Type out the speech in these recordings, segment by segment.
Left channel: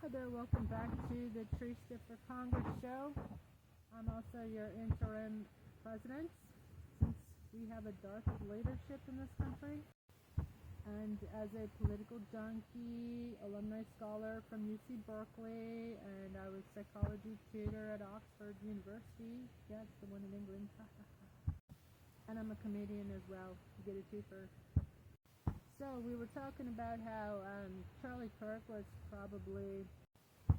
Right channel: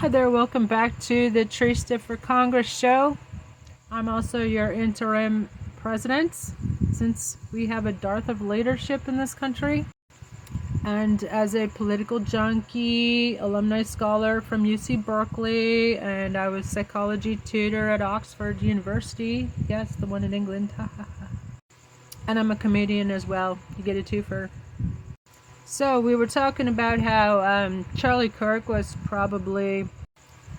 Hi there, welcome back to the Trista-4-Congress Show. I'm also your interim president since we have a dearth of leadership in this country. And as a political junkie, alumni scholar from UC Berkeley, and I was psychology tutor at Oxford University. Yes, the one in England. And I'm a comedian as well. You get a twofer. So we were talking about how Charlie Kirk was probably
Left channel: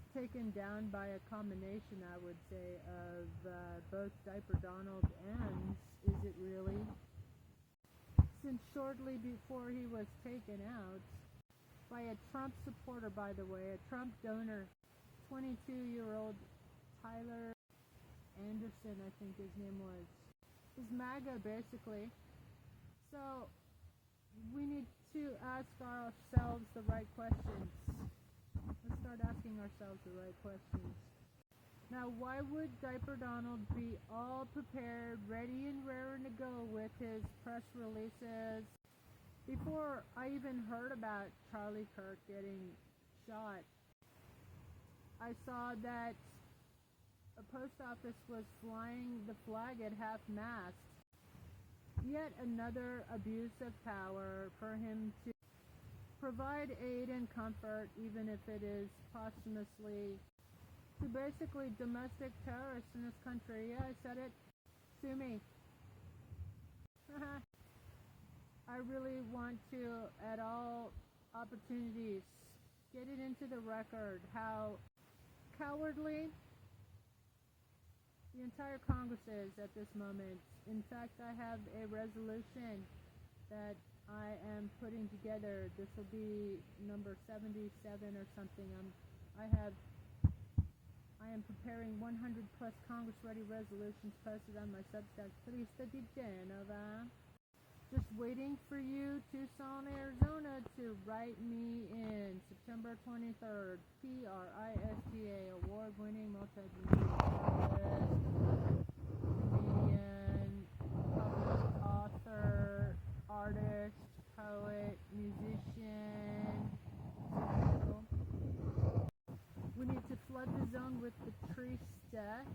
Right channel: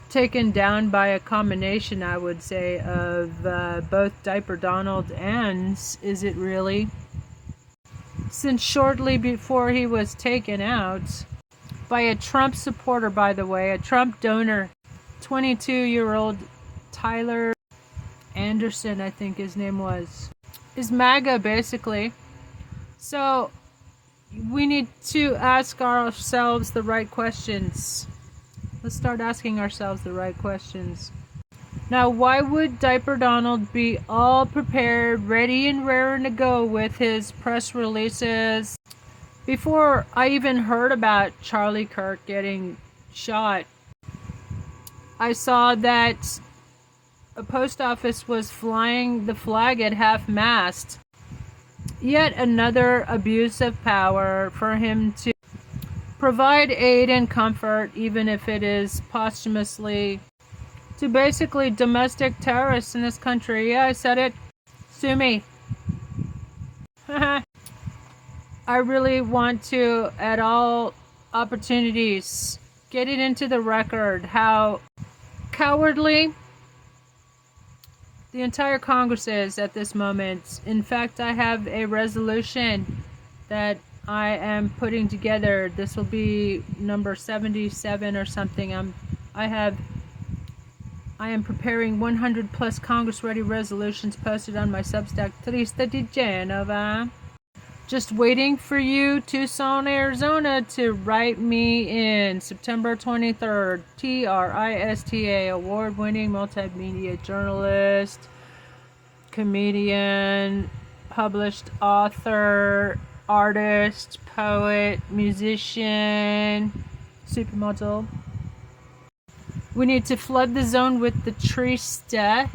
taken down by a combination, I would say, of both Diaper Donald and Is It Really? Since shortly before he was taken out by a Trump supporter, by the way, a Trump donor, 22-year-old Tyler Anderson, I think his name was, is MAGA basically. So we need to ask ourselves the right questions. Let's start asking ourselves the right questions. Now, why would Diaper Donald be all prepared, ready and raring to go with his press releases? Before I even heard about Charlie Kirk getting shot, I saw that a post office was flying the flag at half-mast. Yet another abuse of power for him to provide aid and comfort, even if it is posthumously, to basically domestic terrorists in this country. Yeah, I said it. Sue me. I really want to, at all opportunities, get it into the record how cowardly the entire Congress is at this moment. In fact, I have a resolution that I am putting together. This will be number 77 or something. I am preparing 100 plus Congress ready resolutions posted on my Substack, Trista di Genova. Just waiting for you, Tucson, Arizona, to write me in. September 23rd, Trista, award-winning multimedia journalist, comedian, published author, artist, poet, musician, supermodel. We need to flood the zone with the Trista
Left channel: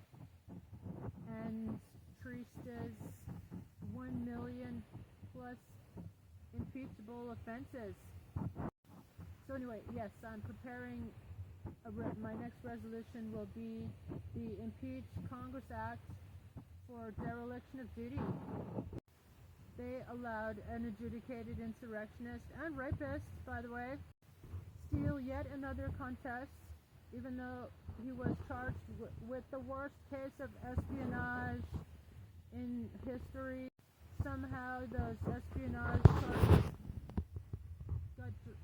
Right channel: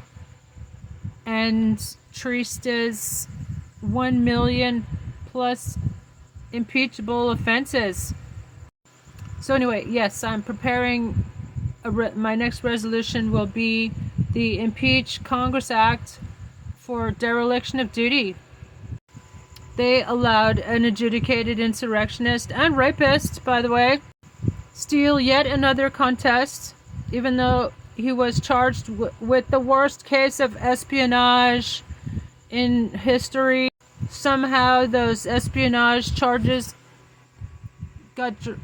and Trista's 1 million plus impeachable offenses. So anyway, yes, I'm preparing my next resolution will be the Impeach Congress Act for dereliction of duty. They allowed an adjudicated insurrectionist and rapist, by the way, steal yet another contest, even though he was charged with the worst case of espionage in history. Somehow those espionage charges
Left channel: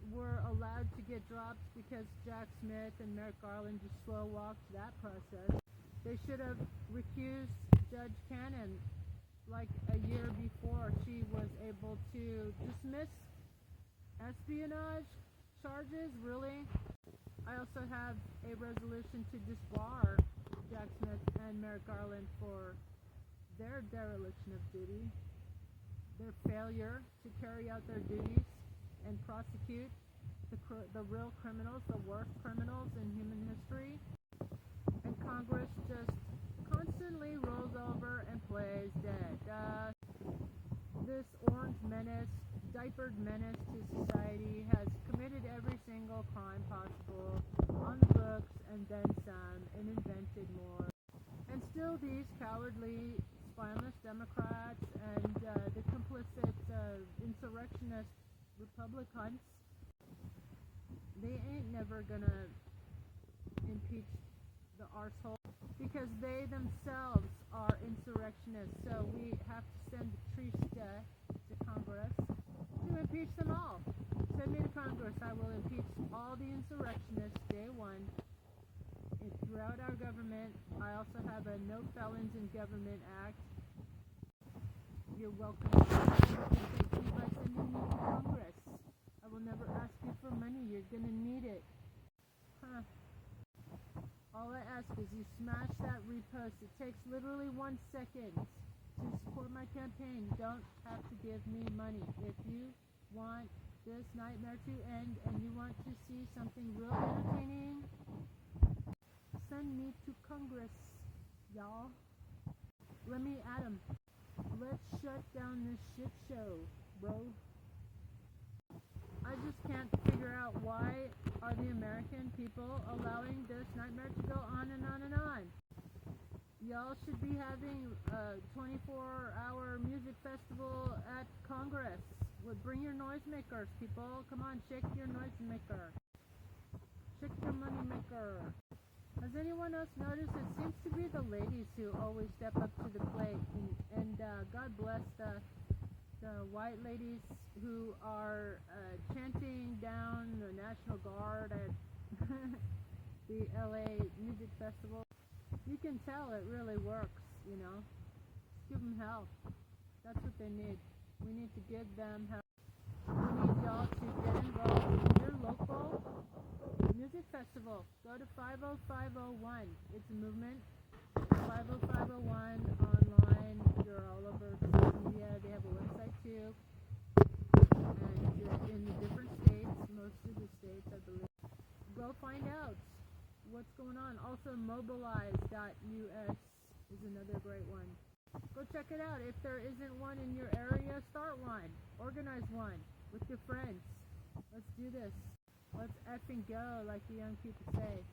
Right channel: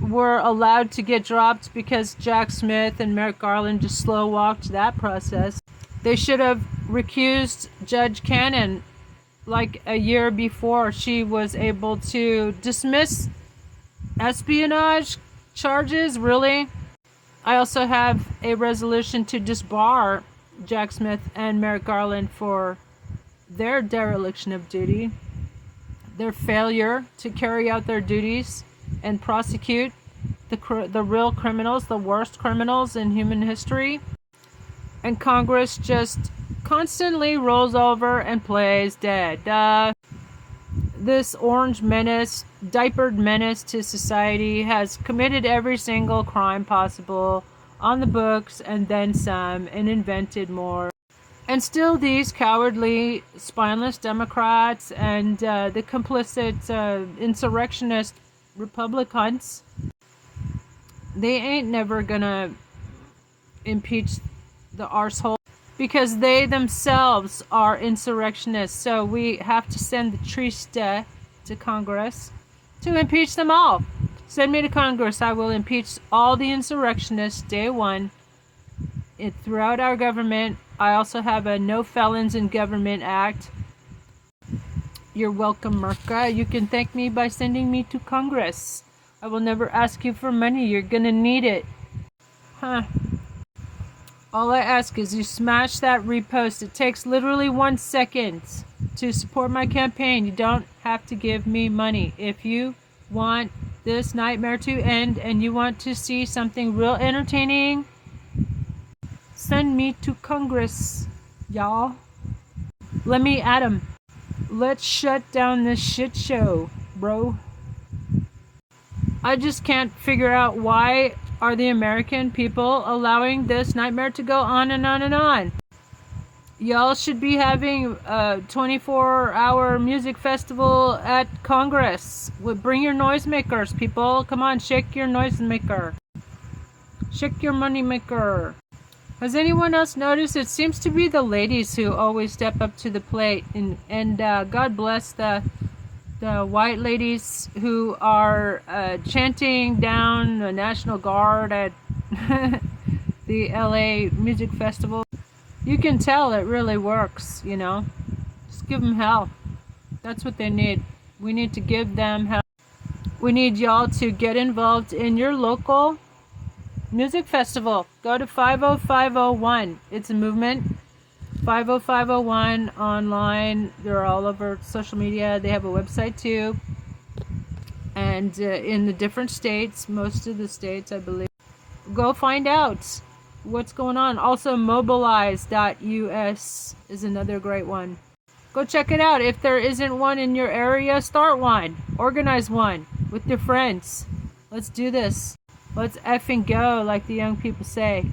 were allowed to get dropped because Jack Smith and Merrick Garland just slow-walked that process. They should have recused Judge Cannon like a year before she was able to dismiss espionage charges. Really? I also have a resolution to disbar Jack Smith and Merrick Garland for their dereliction of duty, their failure to carry out their duties and prosecute the real criminals, the worst criminals in human history. And Congress just constantly rolls over and plays dead. This orange menace, diapered menace to society, has committed every single crime possible on the books and then some, and invented more. And still these cowardly, spineless Democrats and the complicit insurrectionist Republicans, they ain't never gonna impeach the arsehole because they themselves are insurrectionists. So we have to send the Trista to Congress to impeach them all. Send me to Congress. I will impeach all the insurrectionists day one throughout our government. I also have a No Felons in Government Act. You're welcome, Merca. You can thank me by sending me to Congress. I will never ask you for money. You're gonna need it. All I ask is you smash that repost. It takes literally 1 second to support my campaign. You don't have to give me money. If you want this nightmare to end and you want to see something real entertaining Send me to Congress, y'all. Let me at 'em. Let's shut down this shit show, bro. I just can't figure out why are the American people allowing this nightmare to go on and on and on. Y'all should be having a 24-hour music festival at Congress. Bring your noisemakers, people. Come on, shake your noisemaker. Shake your moneymaker. Has anyone else noticed? It seems to be the ladies who always step up to the plate, and God bless the white ladies who are chanting down the National Guard at the LA Music Festival. You can tell it really works, you know. Just give them hell. That's what they need. We need to give them hell. We need y'all to get involved in your local music festival. Go to 50501. It's a movement. 50501 online. They're all over social media. They have a website too. And in the different states, most of the states, I believe. Go find out what's going on. Also, mobilize.us is another great one. Go check it out. If there isn't one in your area, start one. Organize one with your friends. Let's do this. Let's effing go, like the young people say.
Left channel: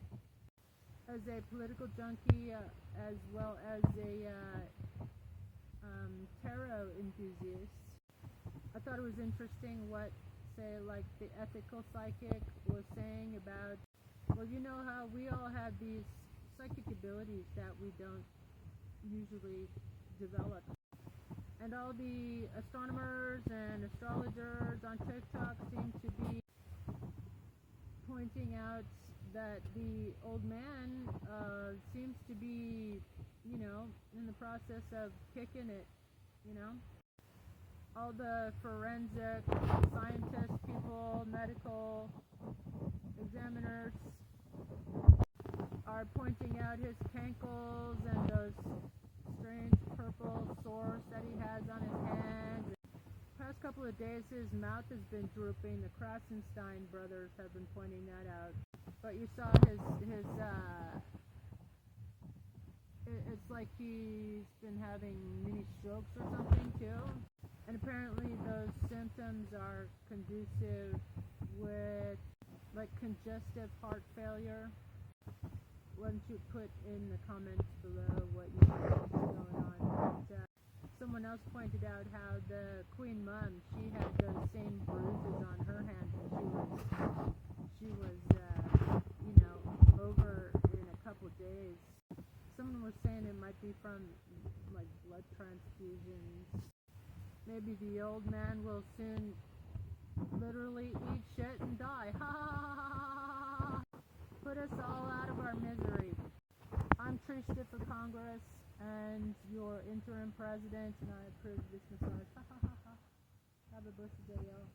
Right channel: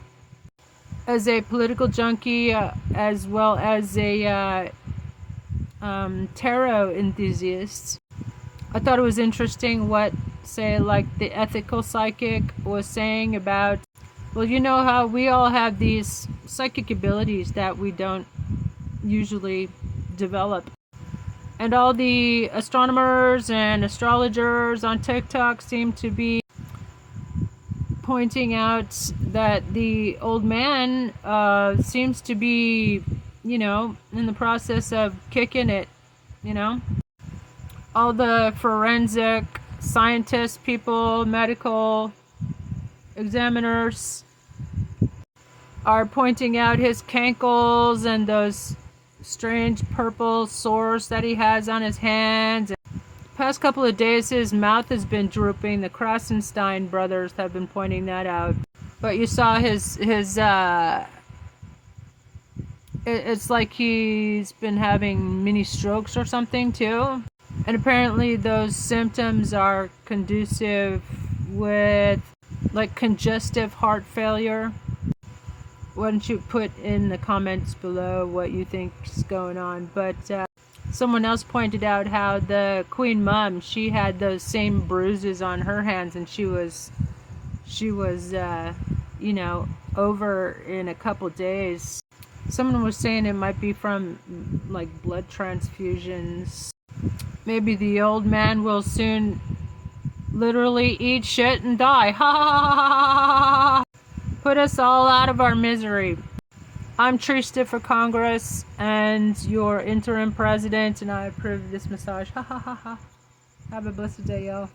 As a political junkie, as well as a tarot enthusiast, I thought it was interesting what, say, like the ethical psychic was saying about, well, you know how we all have these psychic abilities that we don't usually develop. And all the astronomers and astrologers on TikTok seem to be pointing out that the old man seems to be, you know, in the process of kicking it, you know. All the forensic scientists, people, medical examiners are pointing out his cankles and those strange purple sores that he has on his hands. Past couple of days his mouth has been drooping. The Krasenstein brothers have been pointing that out. But you saw his it's like he's been having mini strokes or something too. And apparently those symptoms are conducive with like congestive heart failure. Why don't you put in the comments below what you think is going on. But someone else pointed out how the Queen Mum, she had those same bruises on her hands, and she was you know, over in a couple days. Someone was saying it might be from like blood transfusions. Maybe the old man will soon literally eat shit and die. Ha ha ha ha ha! Put us all out of our misery. I'm Trista-4-Congress and your interim president, and I approve this massage. Ha ha ha ha. Have a blessed day, y'all.